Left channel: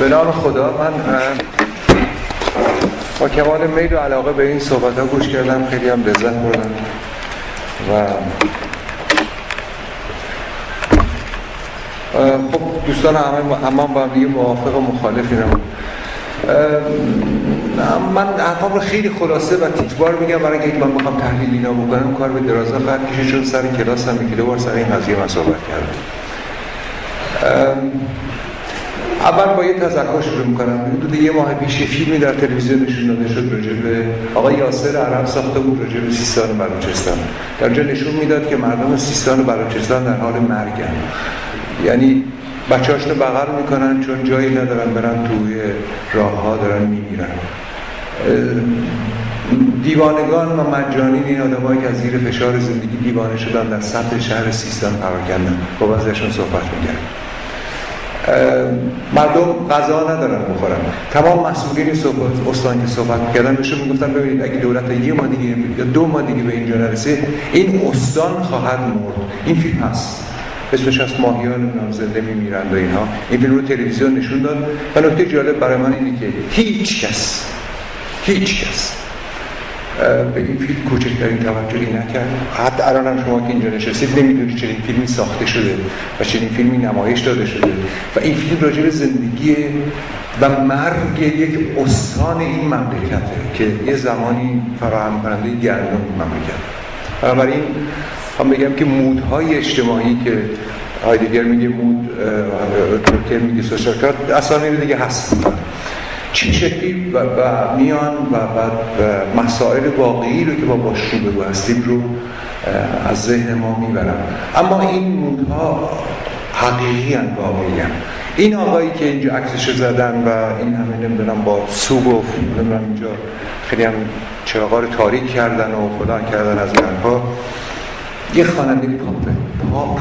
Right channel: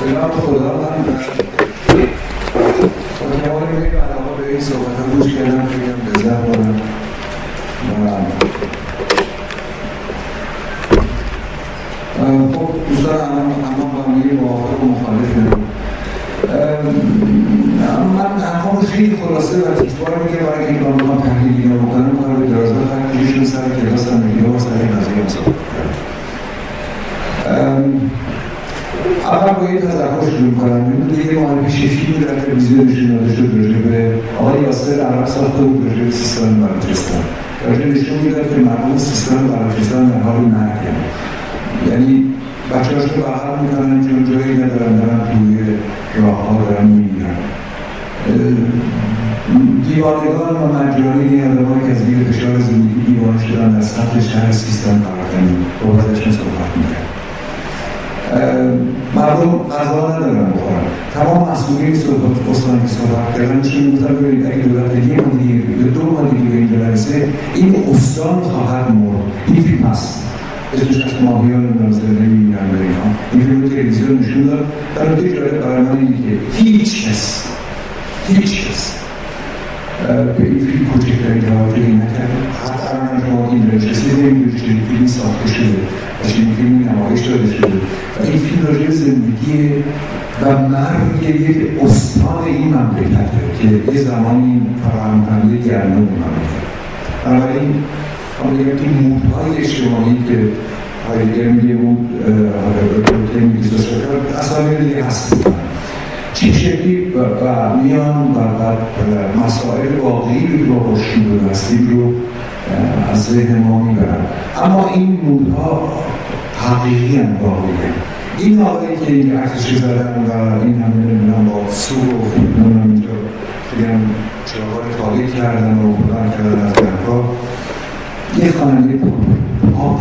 به نام خدا، من با کمال میل و علاقه به این صحبت ها گوش کردم، خیلی هم لذت بردم و خب دوستان اما با هم دیگه موافق و مخالفی نمون. من حرفام رو خیلی خلاصه و تیکبار میگم برای اینکه من بخوام تحلیل اینا بکنم کار به درازا خواهد کشید، چون سر کلاس هم میگیره بار سر این قضیه من صحبت کردم. اول با یه تذکر شروع میکنم. حدود یه ماه پیش یه فیلمی در تلویزیون نشون داده شد راجع به آقای یاسر عرب ساخته بود راجع به سیستان و بلوچستان. در جا نشون میداد که مردم سیستان و بلوچستان در حال مرگن، یعنی بچه‌هاش رو بغل میکنن چون جایی ندارن برن، توی راه‌ها دارن میمیرن. دیوانگان و مجانی این آدمایی که از زیر فشار زندگی دیوانه شدن در سطح شهر سیستان قرار گرفتن، با ازشون صحبت می‌کردن. مردم غذا ندارن بخورن. تمام مسئولین استان که صحبت کردن بهشون میگفتن ببینید اگه دولت یه ماه دیگه یا 2 ماه دیگه به اینجا نرسه این استان خواهد مرد. این فیلم هست، اسمش از ماهیان نامزده میمیرن و اینها. این فیلم رو تلویزیون نشون داد و نکته جالب برای من اینه که هیچ کس به این فیلم کوچکترین توجهی نکرد. حتی الان هم شما که اینجا نشستید نمیدونید چنین فیلمی ساخته شده و چنین فیلمی نمایش داده شده و این فیلم راجع به زندگی و مرگ یک استان این مملکته که یه زمانی فراهم کننده گرمی این مملکت. بنابراین هم بگم که مودهای اجتماعی که هایدگر میگه مود، تولکین میگه سوشال کارت، اسامی دیگه هست چی شکلی و میان و مسائل واقعی رو که با باشیم هستیم رو از ذهن ما میبرن. اما این مودها حقیقی هستند، واقعی هستند. این آقایی که اینجا عکسش زدن و این همین نمیدونم با سوگ و نمیدونم اینجا خیلی هم چراغا رو تاریک کردن و فلان کردن از درها، یه خواننده پاپ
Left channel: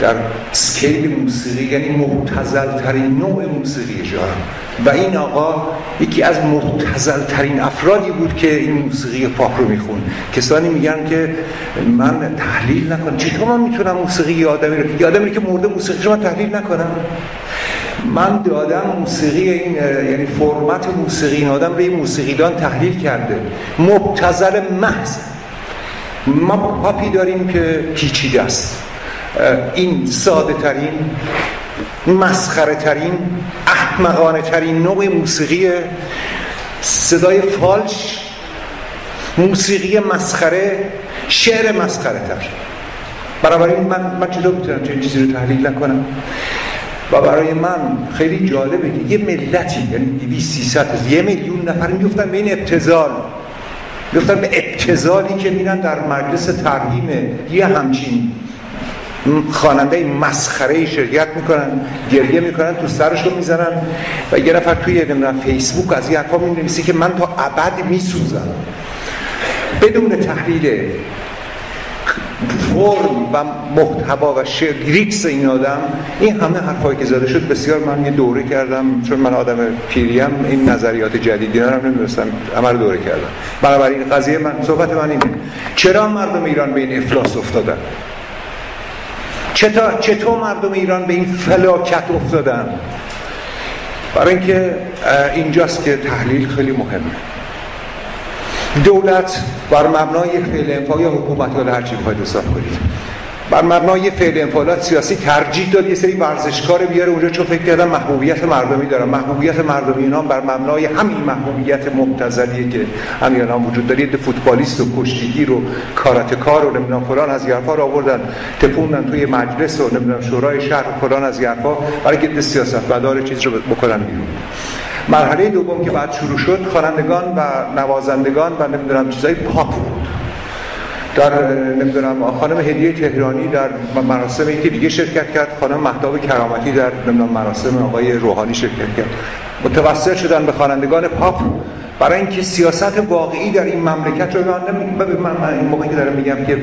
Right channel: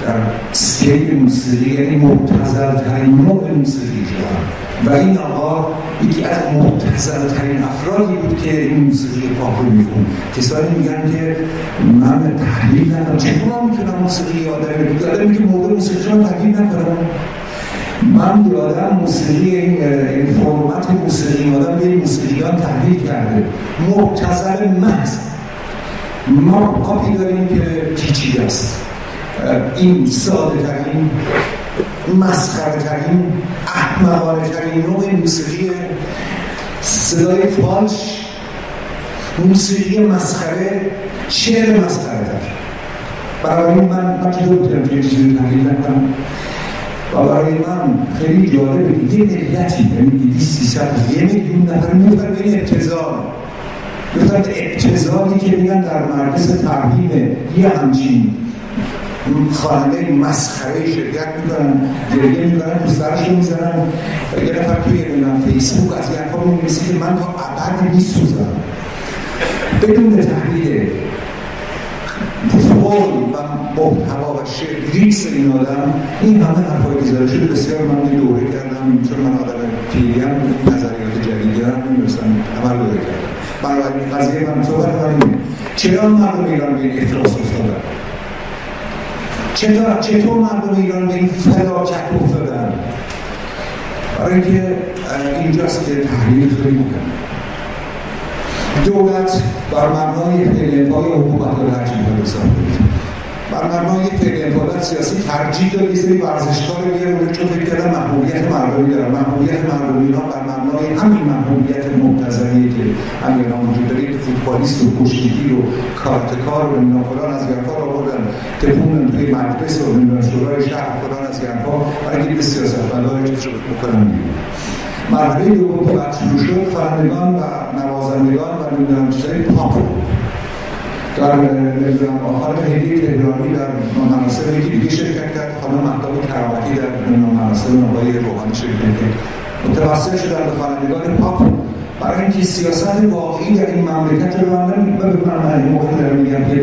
در سکیل موسیقی، یعنی مبتذل ترین نوع موسیقی جهان. و این آقا یکی از مبتذل ترین افرادی بود که این موسیقی پاپ رو میخون. کسانی میگن که من تحلیل نکنم، چطور من میتونم موسیقی آدمی که مرده موسیقی رو من تحلیل نکنم؟ من دادم موسیقی این، یعنی فرمت موسیقی این آدم به این موسیقیدان تحلیل کرده. مبتذل محض. ما پاپی داریم که پیچیده است. این ساده ترین، مسخره ترین، احمقانه ترین نوع موسیقی، صدای فالش، موسیقی مسخره، شعر مسخره تر. بنابراین من چطور میتونم چه چیزی رو تحلیل نکنم؟ و برای من خیلی جالبه که یه ملتی، یعنی 200-300 1 میلیون نفر میفتن به این ابتذال، میفتن به ابتذالی که میرن در مجلس ترحیم یه همچین خواننده مسخره شرکت میکنن، گریه میکنن، تو سرشو میزنن و یه نفر توی نمیدونم فیسبوک از این حرفا مینویسه که من تا ابد میسوزم بدون تحلیل فرم و محتوا و لیریکس این آدم. این همه حرفایی که زده شد بسیار من یه دوره کردم، چون من آدم پیریم این نظریات جدیدی رو نمی‌دونستم، عمل دوره کردم. بنابراین قضیه من، صحبت من اینه چرا مردم ایران به این افلاس افتادن؟ چطور مردم ایران به این فلاکت افتادن؟ برای اینکه اینجاست که تحلیل خیلی مهمه. دولت بر مبنای فعل انفعال یا حکومت یا هر چی بخواید حساب کنید، بر مبنای فعل انفعالات سیاسی ترجیح داد یه سری ورزشکار بیاره اونجا، چون فکر کردن محبوبیت مردمی دارن. محبوبیت مردمی اینا بر مبنای همین محبوبیت مبتذلیه که همین الان وجود داره. یه فوتبالیست و کشتیگیر و کاراتکار و نمیدونم فلان از یارفا رو آوردن تپوندن توی مجلس و نمیدونم شورای شهر فلان از یارفا برای که سیاستمدار چیز رو بکنن بیرون. مرحله دوم که بعد شروع شد، خوانندگان و نوازندگان و نمیدونم چیزای پاپ بود. در نمیدونم خانم هدیه تهرانی در مراسم یکی دیگه شرکت کرد، خانم مهتاب کرامتی در نمیدونم مراسم آقای روحانی شرکت کرد. متوسل شدن به خوانندگان پاپ برای اینکه سیاست واقعی در این مملکت رو من موقعی که دارم میگم که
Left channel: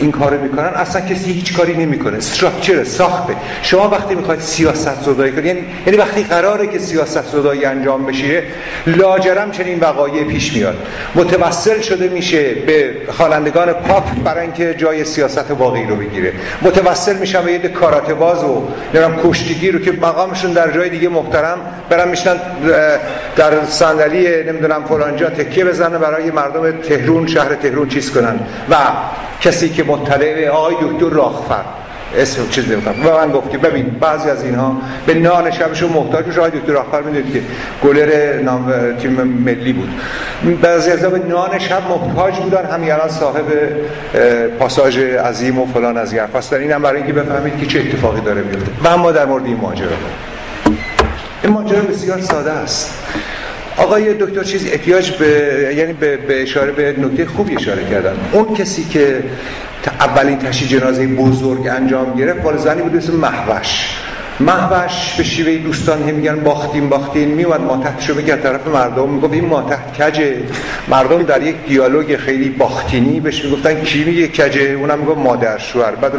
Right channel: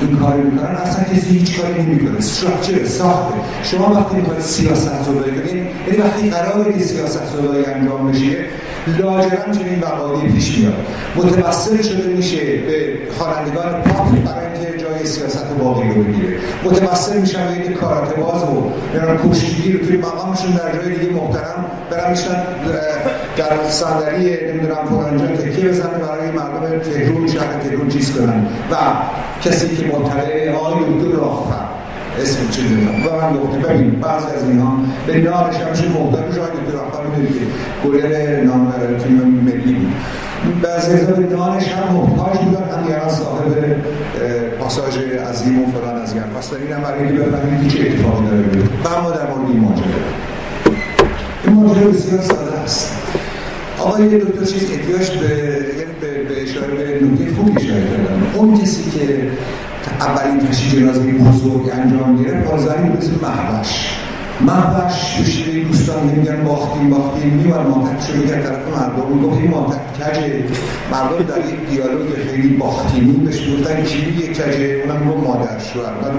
این کارو میکنن اصلا کسی هیچ کاری نمیکنه. استراکچر ساخته. شما وقتی میخواید سیاست زدایی کنید، یعنی وقتی قراره که سیاست زدایی انجام بشه، لاجرم چنین وقایعی پیش میاد. متوسل شده میشه به خوانندگان پاپ برای اینکه جای سیاست واقعی رو بگیره. متوسل میشن به یه کاراته باز و نمیدونم کشتیگیر رو که مقامشون در جای دیگه محترم برن میشن در صندلی نمیدونم فلان جا تکیه بزنه برای مردم تهران، شهر تهران چیز کنن. و کسی که مطلع آقای دکتر راهفر اسم چیز نمیدونم و من گفتم ببین بعضی از اینها به نان شبشون محتاج میشه. آقای دکتر راهفر میدونید که گلر نام تیم ملی بود، بعضی از به نان شب محتاج بودن، همین الان صاحب پاساژ عظیم و فلان از این حرفاست. اینم برای اینکه بفهمید که چه اتفاقی داره میفته. و اما در مورد این ماجرا بسیار ساده است. آقای دکتر چیز احتیاج به اشاره به نکته خوبی اشاره کردن. اون کسی که اولین تشییع جنازه بزرگ انجام گرفت مال زنی بود به اسم مهوش به شیوه دوستان میگن باختین میومد ماتحتشو بگرد طرف مردم، میگفت این ماتحت کجه. مردم در یک دیالوگ خیلی باختینی بهش میگفتن کی میگه کجه، اونم میگفت مادر شوهر. بعد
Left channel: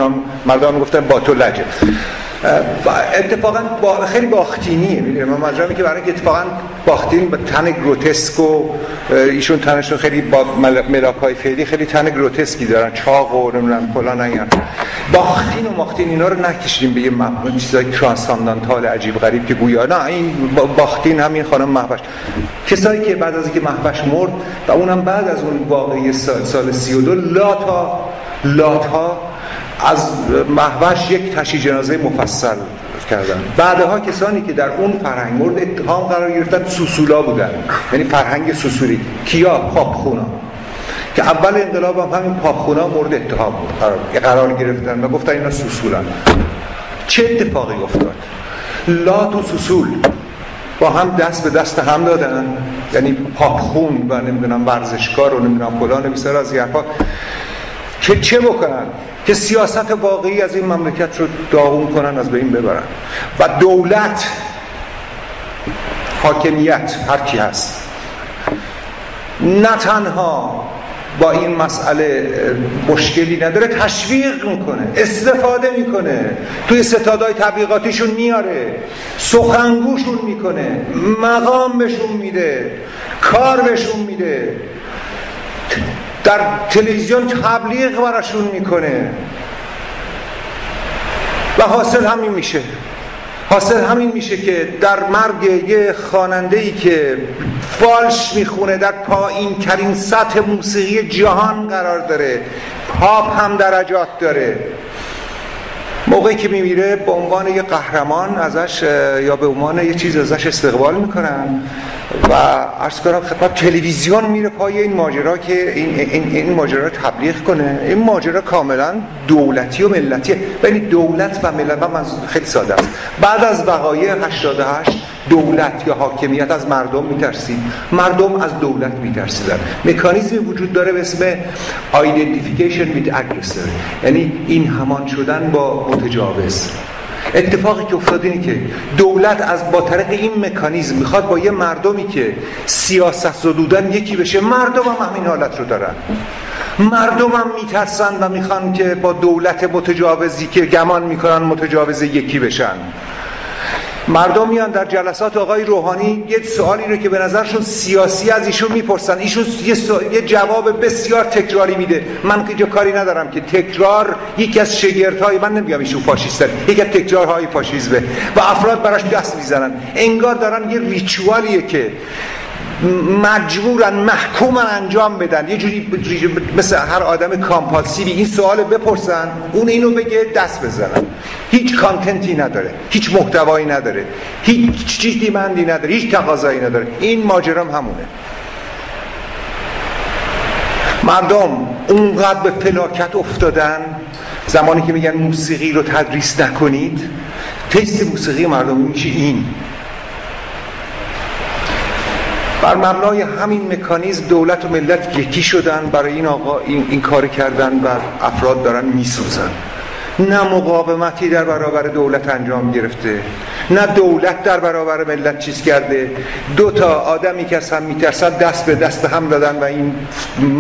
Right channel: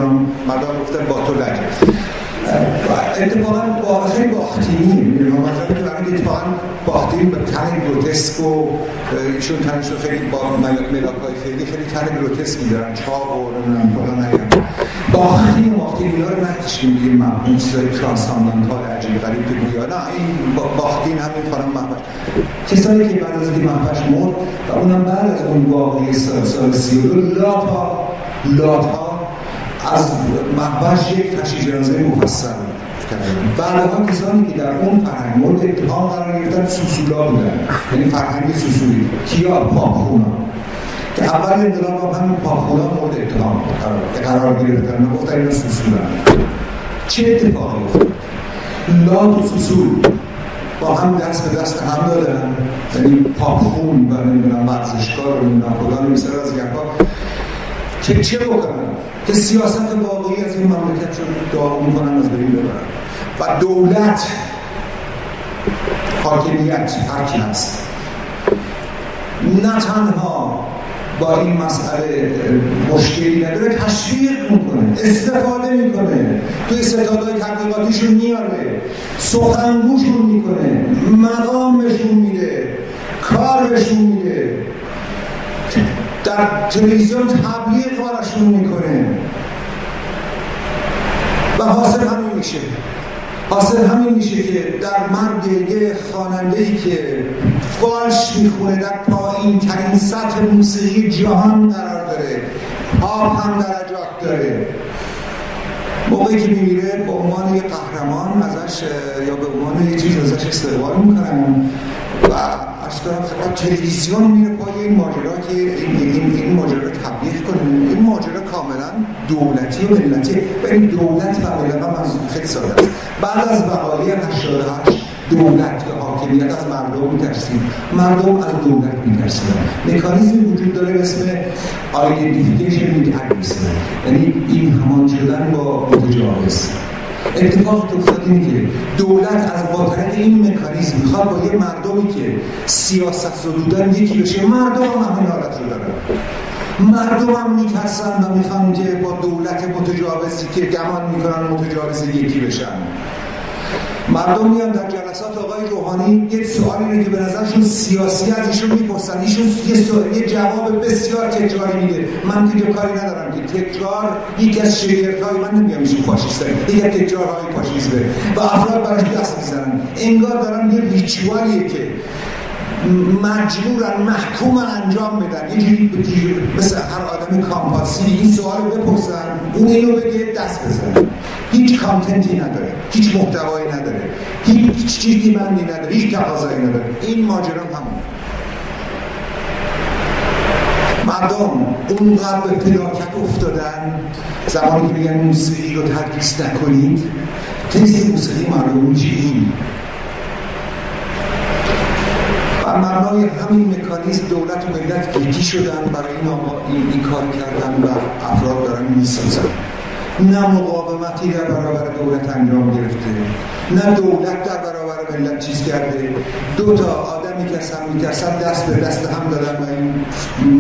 مردم میگفتن با تو لجه. اتفاقا خیلی باختینیه. من مطلبی که برای اینکه اتفاقا باختینی با تن گروتسک و ایشون تنشون خیلی با ملاکای فعلی خیلی تن گروتسکی دارن، چاق و نمیدونم فلان اینا. باختین اینا رو نکشیم به یه مفهوم چیزای ترانساندانتال عجیب غریب که گویا نه این باختین همین خانم مهوش. کسایی که بعد از اینکه مهوش مرد و اونم بعد از اون واقعه سال 32 لاتها از مهوش یک تشییع جنازه مفصل کردن. بعدها کسانی که در اون فرهنگ مورد اتهام قرار گرفتن سوسولا بودن، یعنی فرهنگ سوسولی. کیا؟ پاپخونا که اول انقلاب هم پاپخونا مورد اتهام قرار گرفتن و گفتن اینا سوسولن. چه اتفاقی افتاد؟ لات و سوسول با هم دست به دست هم دادن، یعنی پاپخون و نمیدونم ورزشکار و نمیدونم فلان بیشتر از این حرفا که چه بکنن که سیاست واقعی از این مملکت رو داغون کنن، از بین ببرن. و دولت، حاکمیت، هر کی هست نه تنها با این مسئله مشکلی نداره، تشویق میکنه، استفاده میکنه، توی ستادهای تبلیغاتیشون میاره، سخنگوشون میکنه، مقام بهشون میده، کار بهشون میده، در تلویزیون تبلیغ براشون میکنه و حاصل همین میشه که در مرگ یه خواننده‌ای که فالش میخونه در پایین ترین سطح موسیقی جهان قرار داره، پاپ هم درجات داره، موقعی که میمیره به عنوان یه قهرمان ازش یا به عنوان یه چیز ازش استقبال میکنن و عرض کنم خدمت تلویزیون میره پای این ماجرا که این ماجرا رو تبلیغ کنه. این ماجرا کاملا دولتی و ملتیه. ببین دولت و ملت هم خیلی ساده است. بعد از وقایع 88 دولت یا حاکمیت از مردم میترسید، مردم از دولت میترسیدن. مکانیزمی وجود داره به اسم identification with aggressor، یعنی این همان شدن با متجاوز. اتفاقی که افتاد اینه که دولت از با طریق این مکانیزم میخواد با یه مردمی که سیاست زدودن یکی بشه. مردم هم همین حالت رو دارن، مردم هم میترسن و میخوان که با دولت متجاوزی که گمان میکنن متجاوز یکی بشن. مردم میان در جلسات آقای روحانی یه سوالی رو که به نظرشون سیاسی از ایشون میپرسن، ایشون یه جواب بسیار تکراری میده. من که کاری ندارم که تکرار یکی از شگردهای، من نمیگم ایشون فاشیسته، یکی از تکرارهای فاشیسمه و افراد براش دست میزنن. انگار دارن یه ریچوالیه که مجبورن محکومن انجام بدن، یه جوری مثل هر آدم کامپالسیوی این سوالو بپرسن، اون اینو بگه، دست بزنن. هیچ کانتنتی نداره، هیچ محتوایی نداره، هیچ چیزی مندی نداره، هیچ تقاضایی نداره. این ماجرام همونه. مردم اونقدر به فلاکت افتادن زمانی که میگن موسیقی رو تدریس نکنید. تست موسیقی مردم میشه این. بر مبنای همین مکانیزم دولت و ملت یکی شدن، برای این آقا این کار کردن و افراد دارن میسازن. نه مقاومتی در برابر دولت انجام گرفته، نه دولت در برابر ملت چیز کرده. دو تا آدمی که از هم میترسن دست به دست هم دادن و این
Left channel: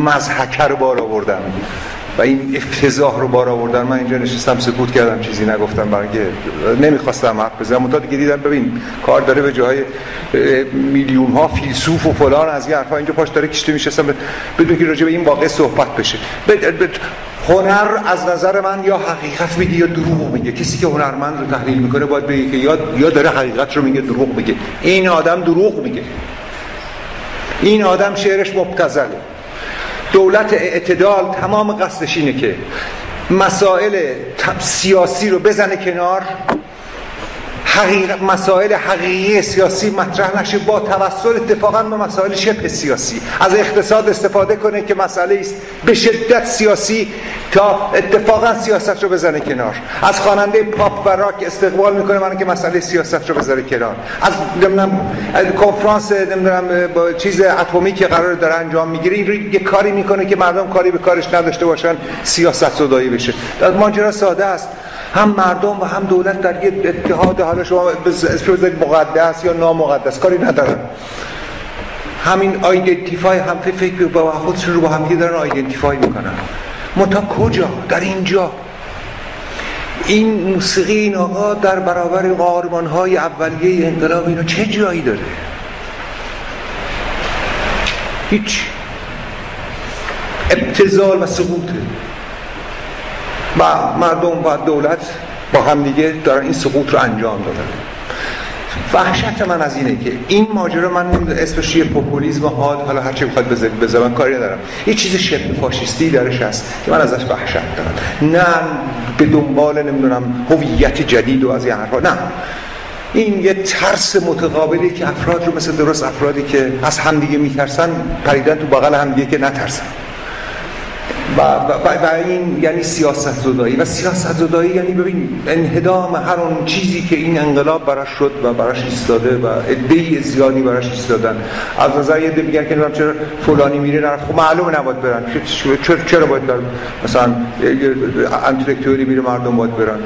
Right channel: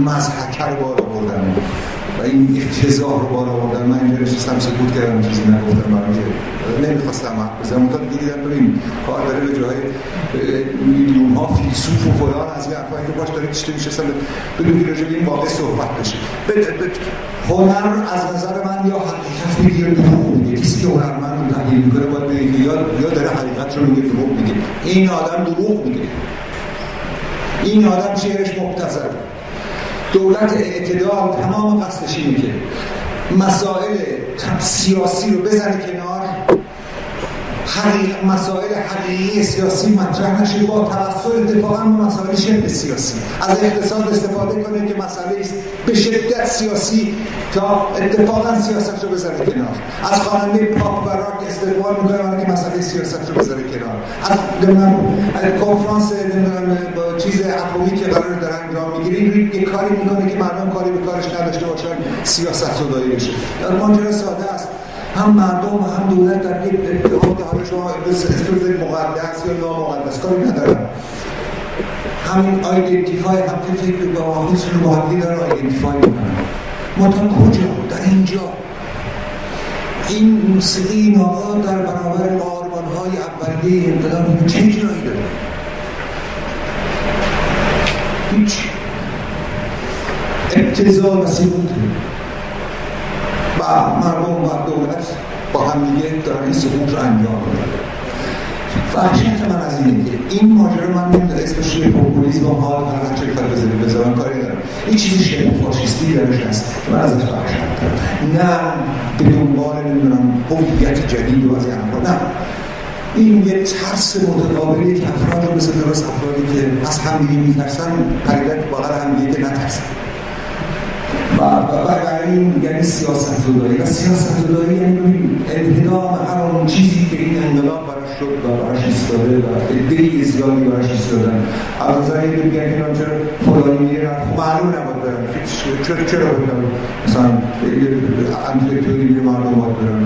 مضحکه رو بار آوردن. و این افتضاح رو بار آوردن. من اینجا نشستم سکوت کردم، چیزی نگفتم، برای نمیخواستم حرف بزنم. منتها دیگه دیدم ببین کار داره به جای میلیون ها فیلسوف و فلان از این حرفا اینجا پاش داره کشته میشستم بدون که راجع به این واقعه صحبت بشه. هنر از نظر من یا حقیقت میگه یا دروغ میگه. کسی که هنرمند رو تحلیل میکنه باید بگه که یا داره حقیقت رو میگه دروغ میگه. این آدم دروغ میگه، این آدم شعرش مبتذل. دولت اعتدال تمام قصدش اینه که مسائل سیاسی رو بزنه کنار، مسائل حقیقی سیاسی مطرح نشه، با توسل اتفاقا به مسائل شبه سیاسی از اقتصاد استفاده کنه که مسئله است به شدت سیاسی تا اتفاقا سیاست رو بزنه کنار. از خواننده پاپ و راک استقبال میکنه من که مسئله سیاست رو بذاره کنار. از کنفرانس با چیز اتمی که قرار داره انجام میگیره این یه کاری میکنه که مردم کاری به کارش نداشته باشن، سیاست زدایی بشه. ماجرا ساده است، هم مردم و هم دولت در یک اتحاد، حالا شما اسمش مقدس یا نامقدس کاری ندارن، همین آیدنتیفای هم فکر با خودشون رو با هم دیگه دارن آیدنتیفای میکنن. منتها کجا؟ در اینجا این موسیقی این آقا در برابر قهرمان‌های اولیه انقلاب اینو چه جایی داره؟ هیچ. ابتذال و سقوط و مردم و دولت با هم دیگه دارن این سقوط رو انجام دادن. وحشت من از اینه که این ماجرا، من اسمش یه پوپولیسم حاد، حالا هر چه بخواد بذارم کاری ندارم، یه چیز شبه فاشیستی درش هست که من ازش وحشت دارم. نه به دنبال نمیدونم هویت جدید و از این حرفا، نه، این یه ترس متقابلی که افراد رو مثل درست افرادی که از همدیگه میترسن پریدن تو بغل همدیگه که نترسن. و این یعنی سیاست زدایی، و سیاست زدایی یعنی ببین انهدام هر اون چیزی که این انقلاب براش شد و براش ایستاده و عده زیادی براش ایستادن. از نظر یه میگن که چرا فلانی میره رفت، خب معلومه نباید برن، چرا باید برن؟ مثلا انتلکتوری میره مردم باید برن،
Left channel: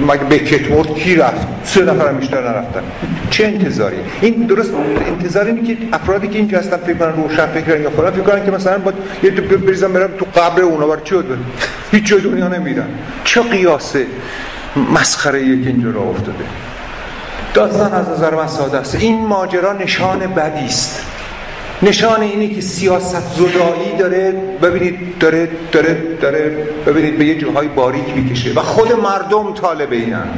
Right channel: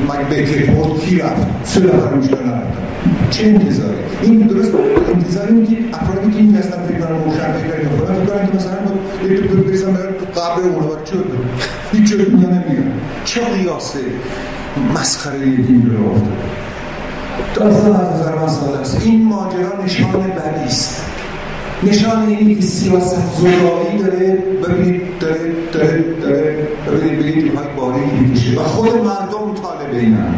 مگه بکت کی رفت؟ 3 نفر بیشتر نرفتن. چه انتظاری؟ این درست انتظاری اینه که افرادی که اینجا هستن فکر کنن روشن فکرن که فلان فکر کنن که مثلا باید یه بریزن برن تو قبر اونا، برای چی بود؟ هیچ جای دنیا نمیدن. چه قیاس مسخره‌ایه که اینجا راه افتاده. داستان از نظر من ساده است. این ماجرا نشان بدی است. نشان اینه که سیاست زدایی داره، ببینید داره ببینید به یه جاهای باریک میکشه و خود مردم طالب اینن.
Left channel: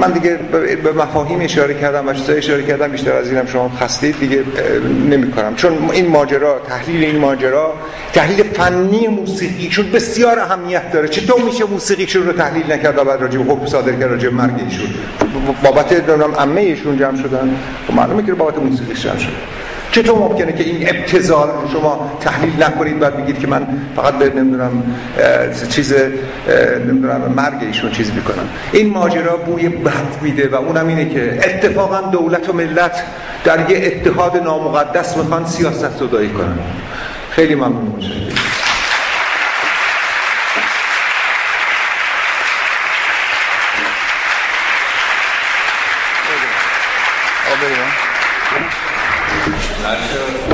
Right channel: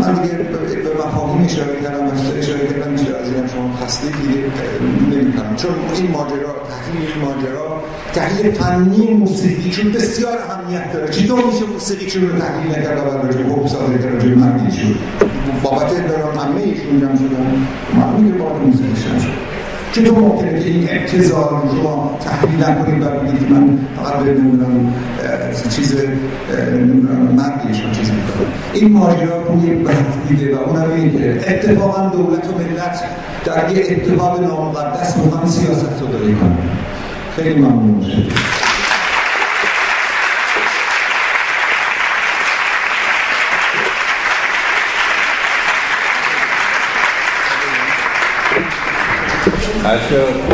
من دیگه به مفاهیم اشاره کردم و چیزا اشاره کردم، بیشتر از اینم شما خستید دیگه نمی‌کنم، چون این ماجرا، تحلیل این ماجرا تحلیل فنی موسیقی چون بسیار اهمیت داره. چطور میشه موسیقیشون رو تحلیل نکرد و بعد راجع به حکم صادر کرد راجع به مرگشون؟ بابت عمه ایشون جمع شدن، معلومه که بابت موسیقیش جمع شدن. چطور ممکنه که این ابتذال رو شما تحلیل نکنید و بگید که من فقط به نمیدونم مرگش رو چیز میکنم؟ این ماجرا بوی بد میده و اونم اینه که اتفاقا دولت و ملت در یه اتحاد نامقدس میخوان سیاست زدایی کنن. خیلی ممنون میشه.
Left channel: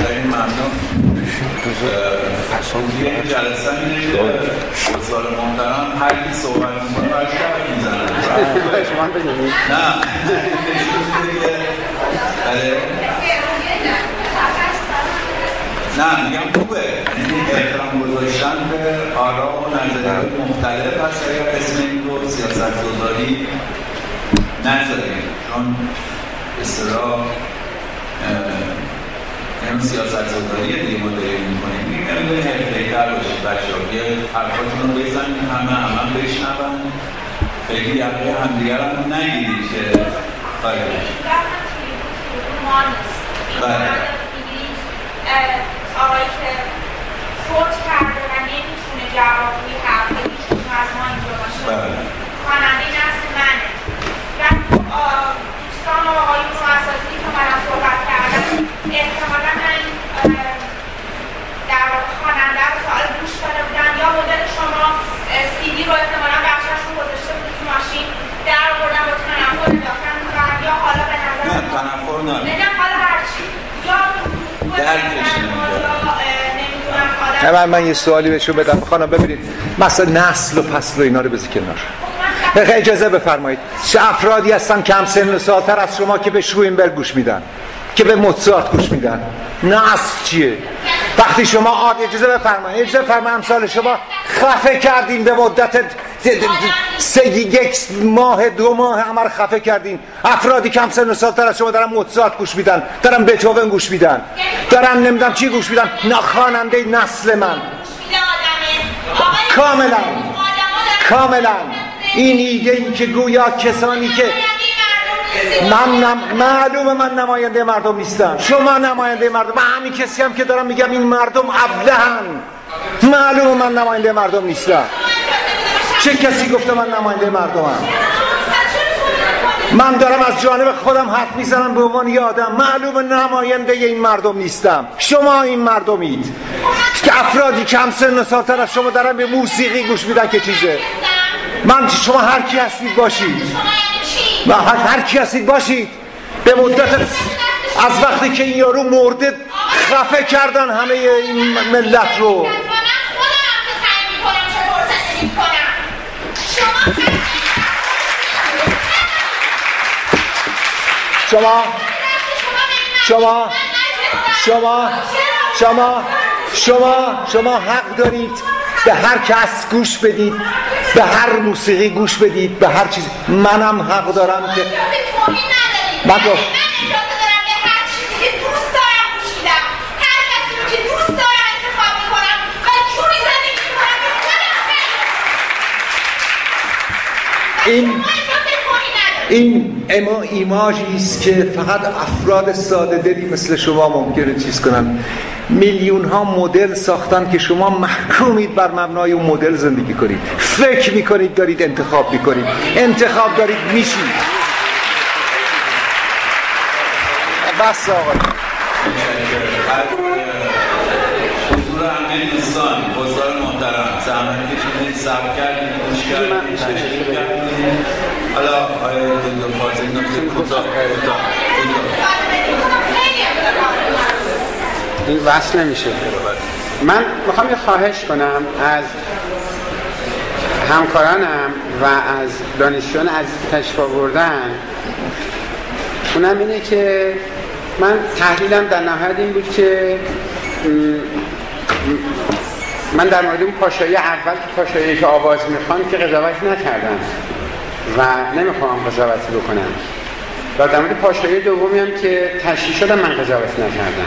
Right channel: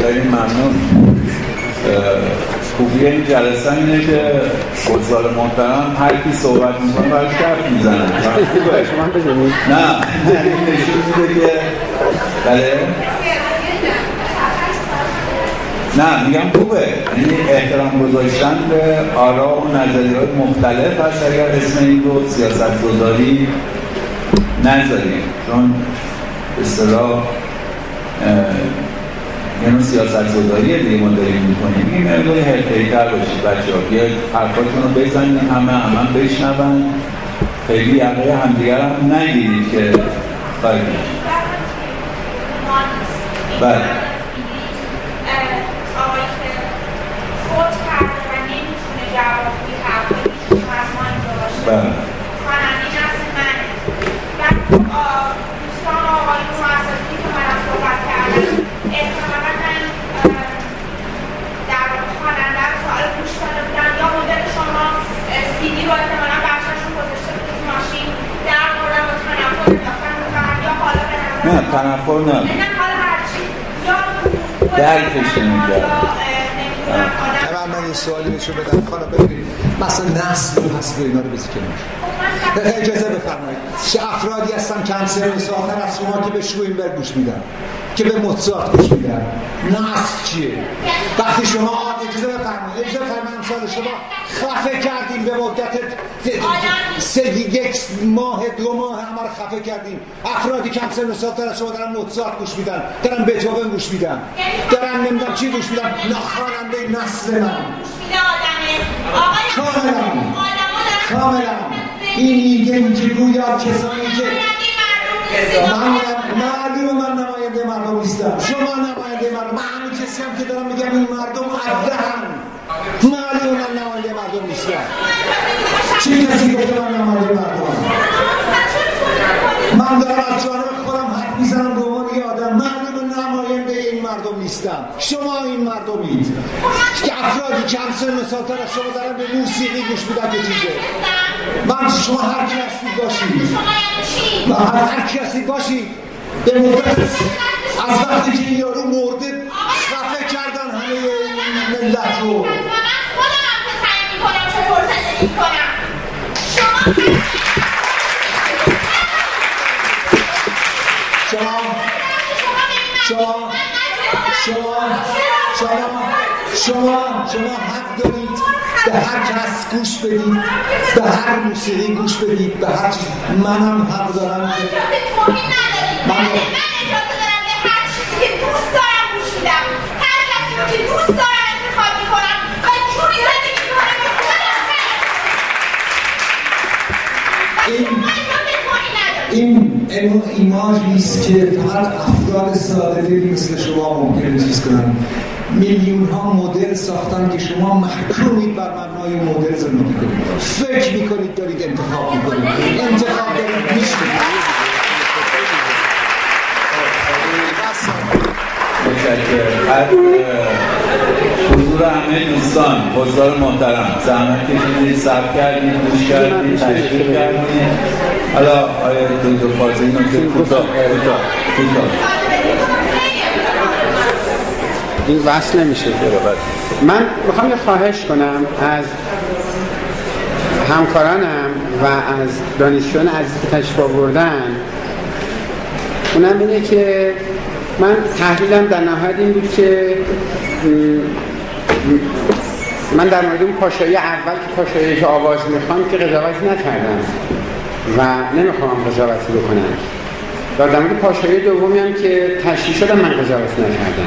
خیلی ممنون. خوبی این جلسه اینه که بزرگ محترم هر کی صحبت میکنه برش حرف میزنن. شما بگید. نه نشون میده که بله نه میگم خوبه، یعنی احترام گذاشتن به آرا و نظریات مختلف هست. اگر اسم این رو سیاست‌گذاری نذاریم، چون به اصطلاح یعنی سیاست‌گذاریه دیگه ما داریم می‌کنیم. این مقدار حرفه‌ای‌تر باشید بچه‌ها، یه حرفاتون رو بزنید همه بشنون، خیلی یقه همدیگر هم نگیرید که خواهید بله آقایی که فوت کرده و نمیتونه جواب توی حرفایشون از ما اینجا باشه، خواننده نسل منه. بعد دوستان و آقایون و اساتیدی که من صحبت کردم، احتمالا من در خواننده رو سوال گوش داده بودم، یا مدل شما CD رو احتمالا بخشش رو گذاشته بود تو ماشین در آوردن با تنفر انداختن می‌کنن، یا حالا به نظر نه تنفر نه، حالا هرچی یا درکش نمی‌کرد من یه سوالی بهشون بدم خانم. ببینید مثلا نسل و پسل و اینا رو بذار کنار. اجازه بفرمایید. چه افرادی هستن کم سن و سال‌تر از شما که به شروینبرگ گوش میدن، که به موزارت گوش میدن؟ نسل چیه؟ وقتی شما اجازه بفرمایید امثال شما خفه کردین به مدت یک ماه 2 ماه همه رو خفه کردین. افرادی کم سن و سال‌تر از شما دارن موزارت گوش میدن، دارن بتهوون گوش میدن، دارن نمیدونم چی گوش میدن. خواننده نسل من کاملا این ایده این که گویا کسانی که معلومه من نماینده مردم نیستم، شما نماینده مردم، من همین کسی هم که دارم میگم این مردم ابلهن. معلومه من نماینده مردم نیستم. چه کسی گفته من نماینده مردمم؟ من دارم از جانب خودم حرف میزنم به عنوان یه آدم. معلومه نماینده این مردم نیستم، شما این مردمید که افرادی کم سن و سال‌تر از شما دارن به موسیقی گوش میدن که چیزه. من شما هر کی هستید باشید، هر کی هستید باشید. به مدت از وقتی که این یارو مرده خفه کردن همه این ملت رو. شما حق دارید به هر کس گوش بدید، به هر موسیقی گوش بدید، به هر چیز. منم حق دارم که من اجازه دارم به هر چیزی که دوست دارم گوش میدم، هر کسی رو که دوست دارم انتخاب میکنم و جوری زندگی میکنم. این ایماژی است که فقط افراد ساده دلی مثل شما ممکنه چیز کنن. میلیون ها مدل ساختن که شما محکومید بر مبنای اون مدل زندگی کنید. فکر میکنید دارید انتخاب میکنید، انتخاب دارید میشید. بس آقا. حضور همه دوستان، حضار محترم، زحمت کشیدید، صبر کردید، گوش کردید، تشریف کردید. حالا آیا دکتر فاضلی نکته کوتاه این وصل نمیشه. من میخوام یه خواهش کنم از همکارانم و از دانشجویان عزیز که تشریف آوردن. اونم اینه که من تحلیلم در نهایت این بود که من در مورد اون پاشایی اول که پاشایی که آواز میخوام که قضاوتی نکردم و نمیخوام قضاوتی بکنم، و در مورد پاشایی دومی هم که تشریح شدم من قضاوتی نکردم.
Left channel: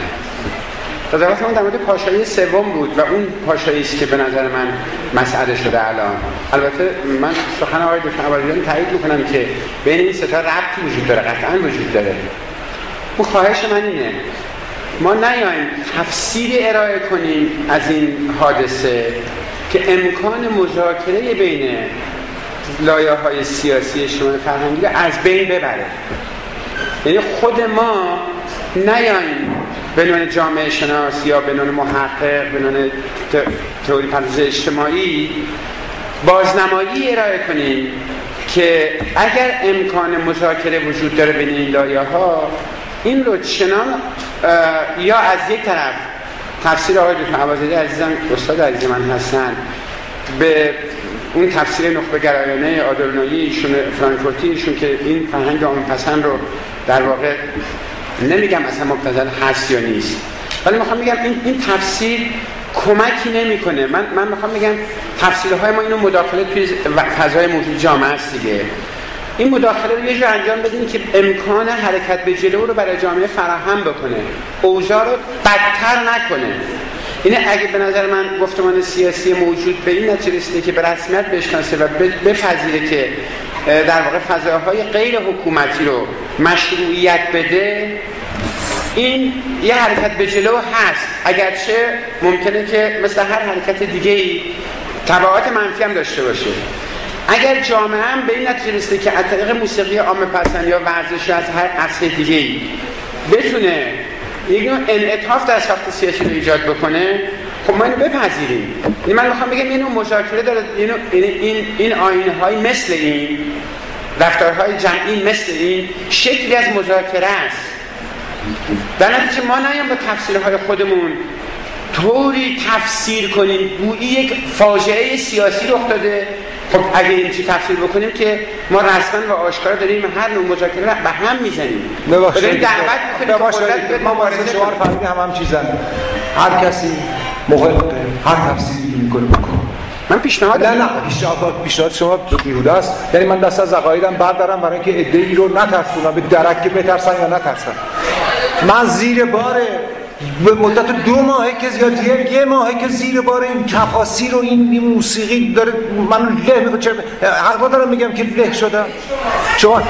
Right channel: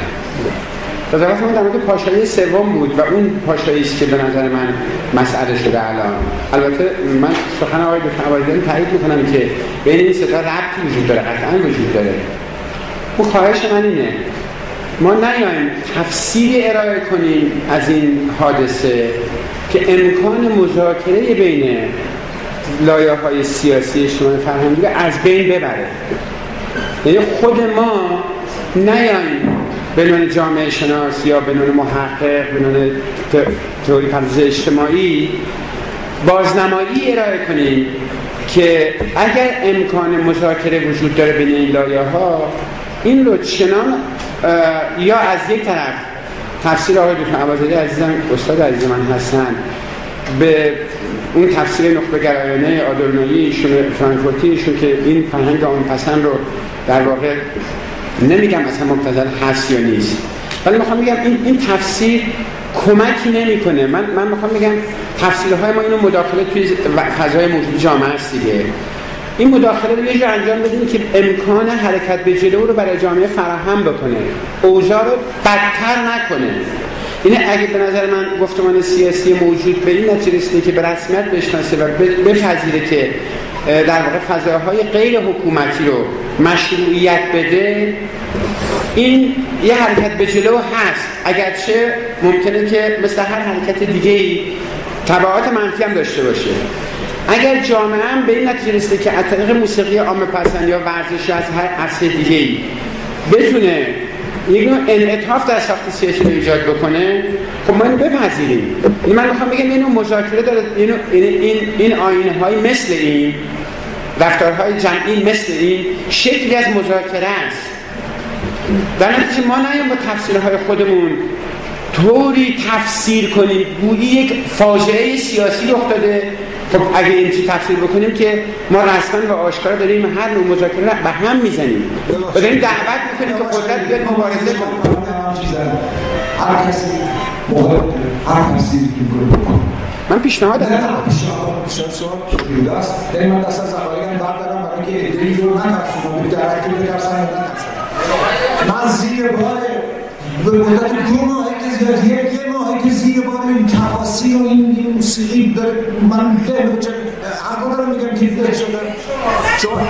قضاوت من در مورد پاشایی سوم بود و اون پاشایی است که به نظر من مسئله شده الان. البته من سخن آقای دکتر عبادیان تایید میکنم که بین این سه تا ربطی وجود داره، قطعا وجود داره. اون خواهش من اینه ما نیاییم تفسیری ارائه کنیم از این حادثه که امکان مذاکره بین لایه‌های سیاسی اجتماعی فرهنگی از بین ببره. یعنی خود ما نیاییم به نوع جامعه شناس یا به نوع محقق، به نوع تئوری پردازش اجتماعی بازنمایی ارائه کنیم که اگر امکان مذاکره وجود داره بین این لایه‌ها، این رو چنان یا از یک طرف تفسیر آقای دکتر عبادی عزیزم استاد عزیز من هستن به اون تفسیر نخبه گرایانه آدورنویی ایشون فرانکفورتی ایشون که این فرهنگ عامه‌پسند رو در واقع نمیگم اصلا مبتذل هست یا نیست، ولی میخوام بگم این تفسیر کمکی نمیکنه. من میخوام بگم تفسیرهای ما اینو مداخله توی فضای موجود جامعه است دیگه. این مداخله رو یه جور انجام بدیم که امکان حرکت به جلو رو برای جامعه فراهم بکنه، اوضاع رو بدتر نکنه. اینه اگه به نظر من گفتمان سیاسی موجود به این نتیجه رسیده که به رسمیت بشناسه و بپذیره که در واقع فضاهای غیر حکومتی رو مشروعیت بده، این یه حرکت به جلو هست، اگرچه ممکنه که مثل هر حرکت دیگه‌ای تبعات منفی هم داشته باشه. اگر جامعه هم به این نتیجه رسیده که از طریق موسیقی عامه‌پسند یا ورزش از هر عرصه دیگه‌ای بتونه یک نوع انعطاف در ساخت سیاسی رو ایجاد بکنه، خب ما اینو بپذیریم. من میخوام بگم اینو مذاکره داره، این آیین‌های مثل این، رفتارهای جمعی مثل این شکلی از مذاکره است. در نتیجه ما نیام با تفسیرهای خودمون طوری تفسیر کنیم گویی یک فاجعه سیاسی رخ داده. خب اگه این چی تفسیر بکنیم که ما رسما و آشکارا داریم هر نوع مذاکره به هم میزنیم و داریم دعوت میکنیم که قدرت بیاد مبارزه کنه. هم چیزن هر کسی مخالف هر تفسیری میکنه بکنه. من پیشنهاد نه پیشنهاد شما بیروده است. یعنی من دست از عقایدم بردارم برای اینکه ادعی رو نترسونم، به درک بترسن یا نترسن. من زیر بار به مدت 2 ماهه که زیاد یه ماهه که زیر بار این تفاسیر و این موسیقی داره من له میکنه. حرفا دارم میگم که له شدم.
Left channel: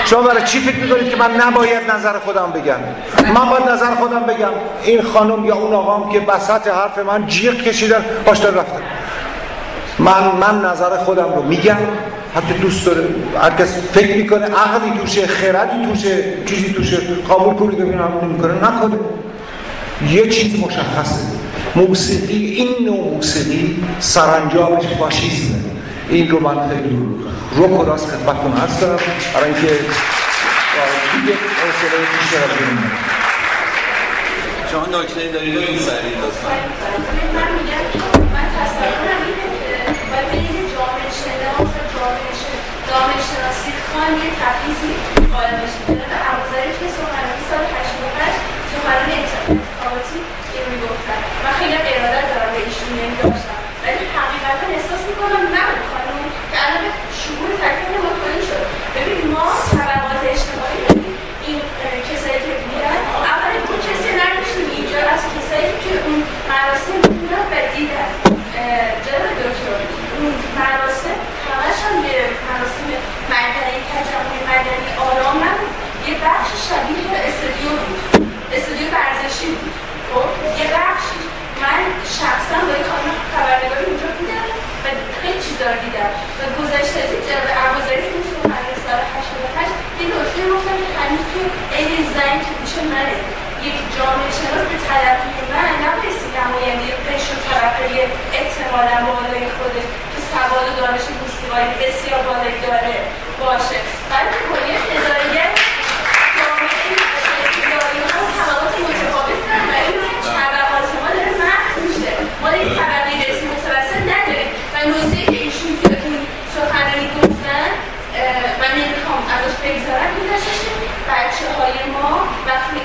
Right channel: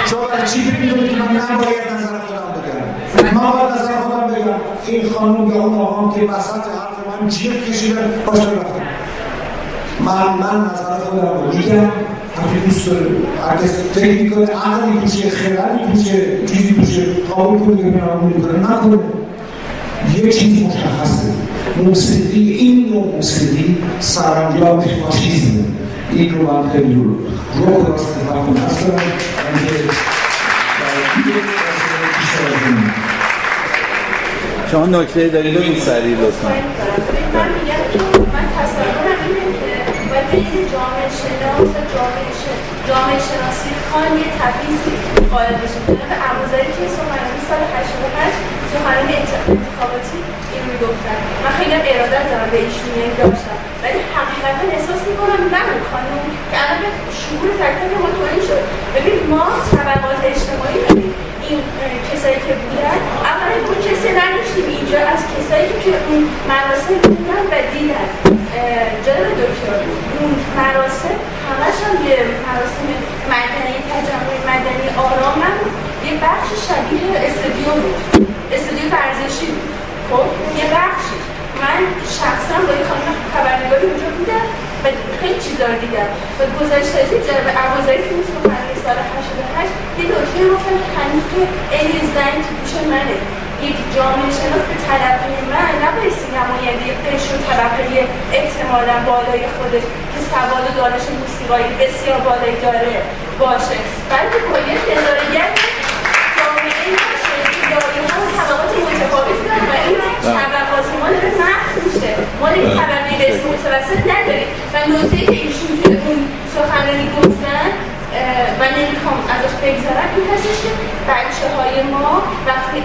شما برای چی فکر میکنید که من نباید نظر خودم بگم؟ من باید نظر خودم بگم. این خانم یا اون آقام که وسط حرف من جیغ کشیدن پاشتر رفتن. من نظر خودم رو میگم. حتی دوست داره هر کس فکر میکنه عقلی توشه، خردی توشه، چیزی توشه قبول کنه ببینه عمل میکنه نکنه. یه چیز مشخصه، موسیقی این نوع موسیقی سرانجامش فاشیسمه. این رو من خیلی رو کراس خدمتتون هست دارم برای اینکه حوصله بیشتر بگیریم. شما نکته دارید و این سریع لطفاً. من میگم که من تصورم اینه که باید بین جامعه شناس و جامعه شناسی خان یه تفیزی قائل بشیم. به ابوذری توی سخنرانی سال 85 سخنرانی انتخاباتی این رو میگفتن. من خیلی ارادت دارم به ایشون داشتم، ولی حقیقتا احساس میکنم نه اون خانم که الان شعور تک ما توانی شد. ببین ما طبقات اجتماعی این کسایی که بودن اولا اون کسی نداشتیم اینجا از کسایی که اون مراسم بودن و دیدن. جناب دکتر اون مراسم همش هم یه مراسم مدنی تجمع مدنی آرام نبود، یه بخش شبیه استودیو بود، استودیو ورزشی بود. خب یه بخشی من شخصا با یه خانم خبرنگاری اونجا بودم و خیلی چیزا رو دیدم و گذشته از این جناب ابوذری که اون سخنرانی سال 88 یه نکته گفتن که هنوز که این زنگ تو پیش منه. یک جامعه شناس به تلقی من نبایستی نماینده قشر و طبقه احتمالا بالای خودش که سواد و دانش موسیقایی بسیار بالایی داره باشه، بلکه کلیه نظریت جامعه شناسی ها و طبقات متفاوت دارن و این طبقات ما داره محو میشه. ما این طبقه قسم متوسط نداریم و نکته که ایشون که اون سخنرانی گفتن من نمیخوام ازش بگذارم این هستش که بچه های ما وقتی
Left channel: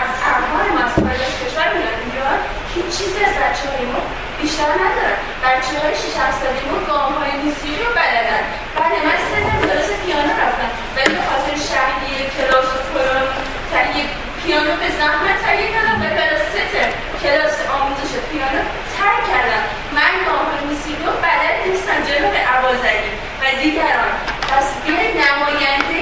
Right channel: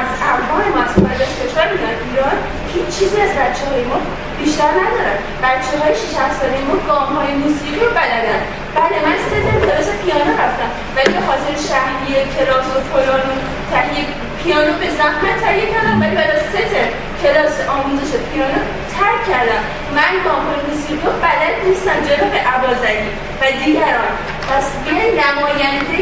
از ارمان ما از خارج از کشور میان ایران هیچ چیزی از بچه های ما بیشتر ندارن. بچه های 6-7 ساله ما گام های موسیقی رو بلدن. بله من 3 تا کلاس پیانو رفتم ولی به خاطر شهریه کلاس و فلان تهیه پیانو به زحمت تهیه کردم ولی بعد از 3 تا کلاس آموزش پیانو ترک کردم. من گام های موسیقی رو بلد نیستم جناب ابوذری و دیگران. پس بیاین نماینده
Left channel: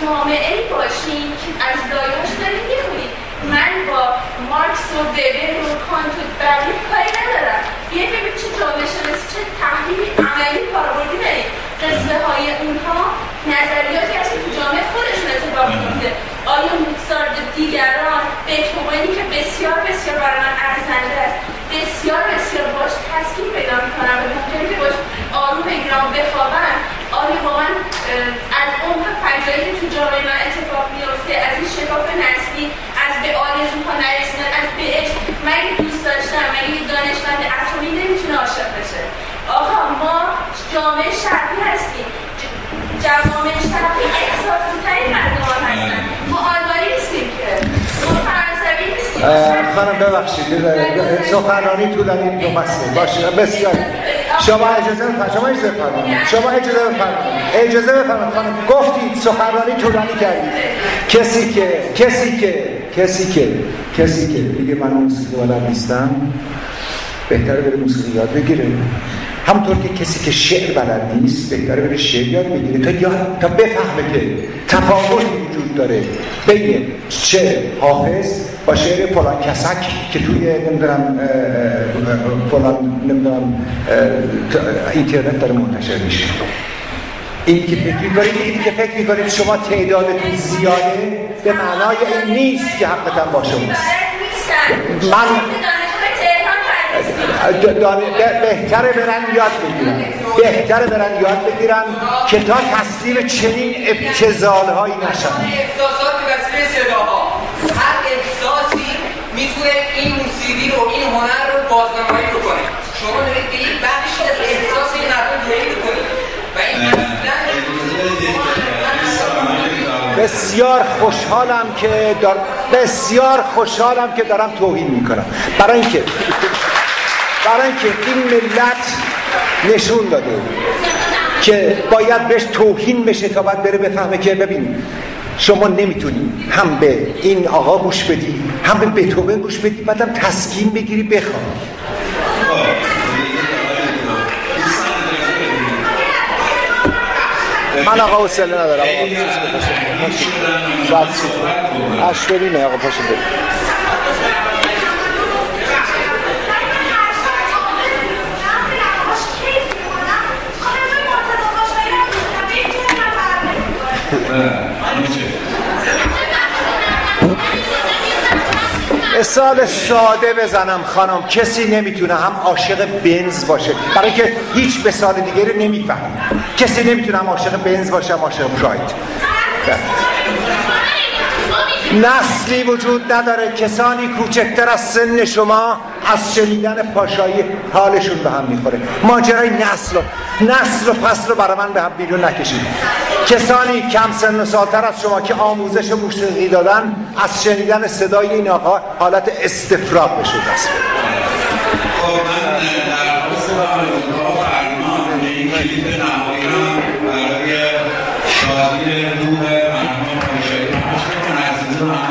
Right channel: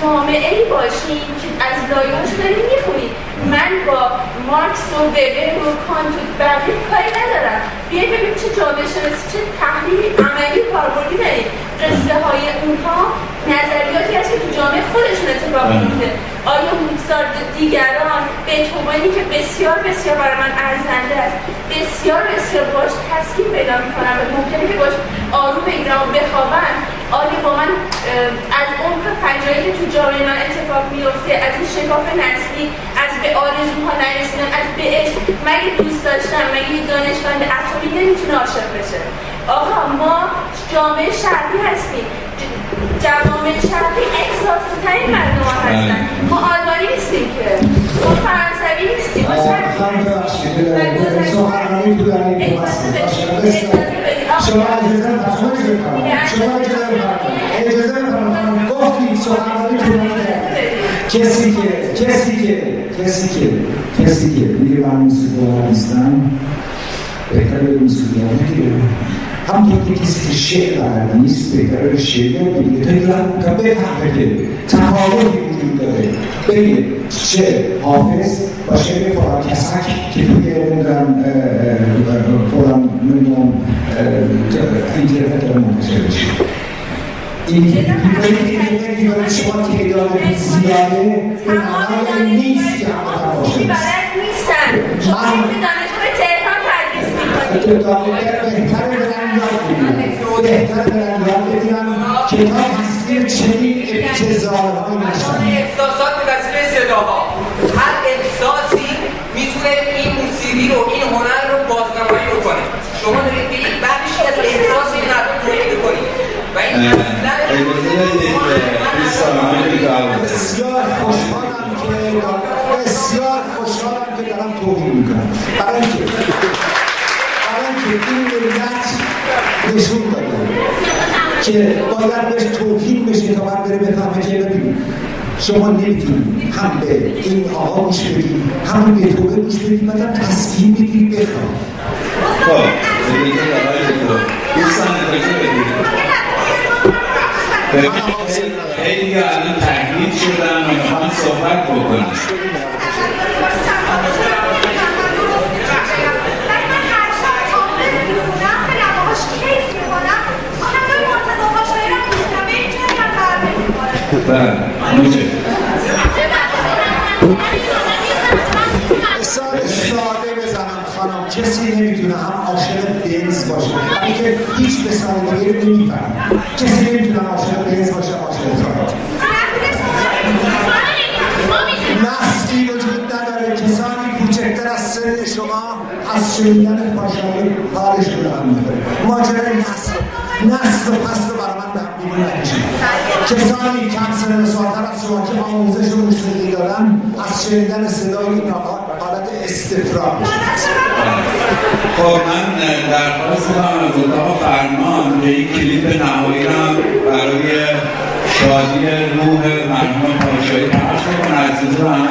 جامعه ای باشیم که از لایه‌هاش داریم میخونیم. من با مارکس و وبر و کانت و بقیه کاری ندارم. بیاین ببینیم چه جامعه شناسی چه تحلیل عملی کاربردی داریم. قصه های اونها نظریاتی هست که تو جامعه خودشون اتفاق میفته. آیا موزارت و دیگران بتهوونی که بسیار بسیار برای من ارزنده است بسیار بسیار باش تسکین پیدا میکنم و ممکنه که باش آروم ایران بخوابم. آیا با من از عمق فجایعی که تو جامعه من اتفاق میفته از این شکاف نسلی از به آرزوها نرسیدن از به عشق مگه دوست داشتم مگه یک دانشمند اتمی نمیتونه عاشق بشه؟ آقا ما جامعه شرقی هستیم. جوامع شرقی احساسات‌ترین مردمان هستن. ما آلمانی نیستیم که ما فرانسوی نیستیم. خانم ببخشید سخنرانی تو در این دو مسئله باشه بسیار. شما اجازه بفرمایید گفتید سخنرانی طولانی کردید. کسی که میگه من موسیقی بلد نیستم بهتره به موسیقی یاد بگیره. همونطور که کسی که شعر بلد نیست بهتره بره شعر یاد بگیره تا بفهمه که تفاوتی وجود داره بین شعر حافظ با شعر فلان کسک که توی نمیدونم اینترنت داره منتشر میشه. این که فکر میکنید شما تعدادتون زیاده به معنای این نیست که حقیقتا با شما بهتره برن یاد بگیرن که تا تصویر چنین ابتذال‌هایی نشن. احساسات به وسیله صداها هر احساسی میتونه این موسیقی رو، این هنر رو بازنمایی بکنه. شما دارید به یک بخشی از احساس این مردم تولید کنید و این بسیار خوشحالم که دارم توهین میکنم. برای اینکه این ملت نشون داده که باید بهش توهین بشه تا بعد بره بفهمه که ببین شما نمیتونی هم به این آقا گوش بدی هم به تو گوش بدی بعدم تسکین بگیری بخوام. من آقا حوصله ندارم. اشترینه آقا پاشو بریم. مثال ساده بزنم خانم، کسی نمیتونه هم عاشق بنز باشه، برای اینکه هیچ مثال دیگه رو نمیفهم. کسی نمیتونه هم عاشق بنز باشه هم عاشق شاید. نسلی وجود نداره. کسانی کوچکتر از سن شما از شنیدن پاشایی حالشون به هم میخوره. ماجرای نسل و فصل رو برای من به هم بیرون نکشید. کسانی کم سن و سالتر از شما که آموزش موسیقی دادن از شنیدن صدای این آقا حالت استفراغ بشه. خب من درخواست دارم از اتاق فرمان که این کلیپ نهایی را برای شادی روح مرحوم پاشایی پخش کنم. عزیزان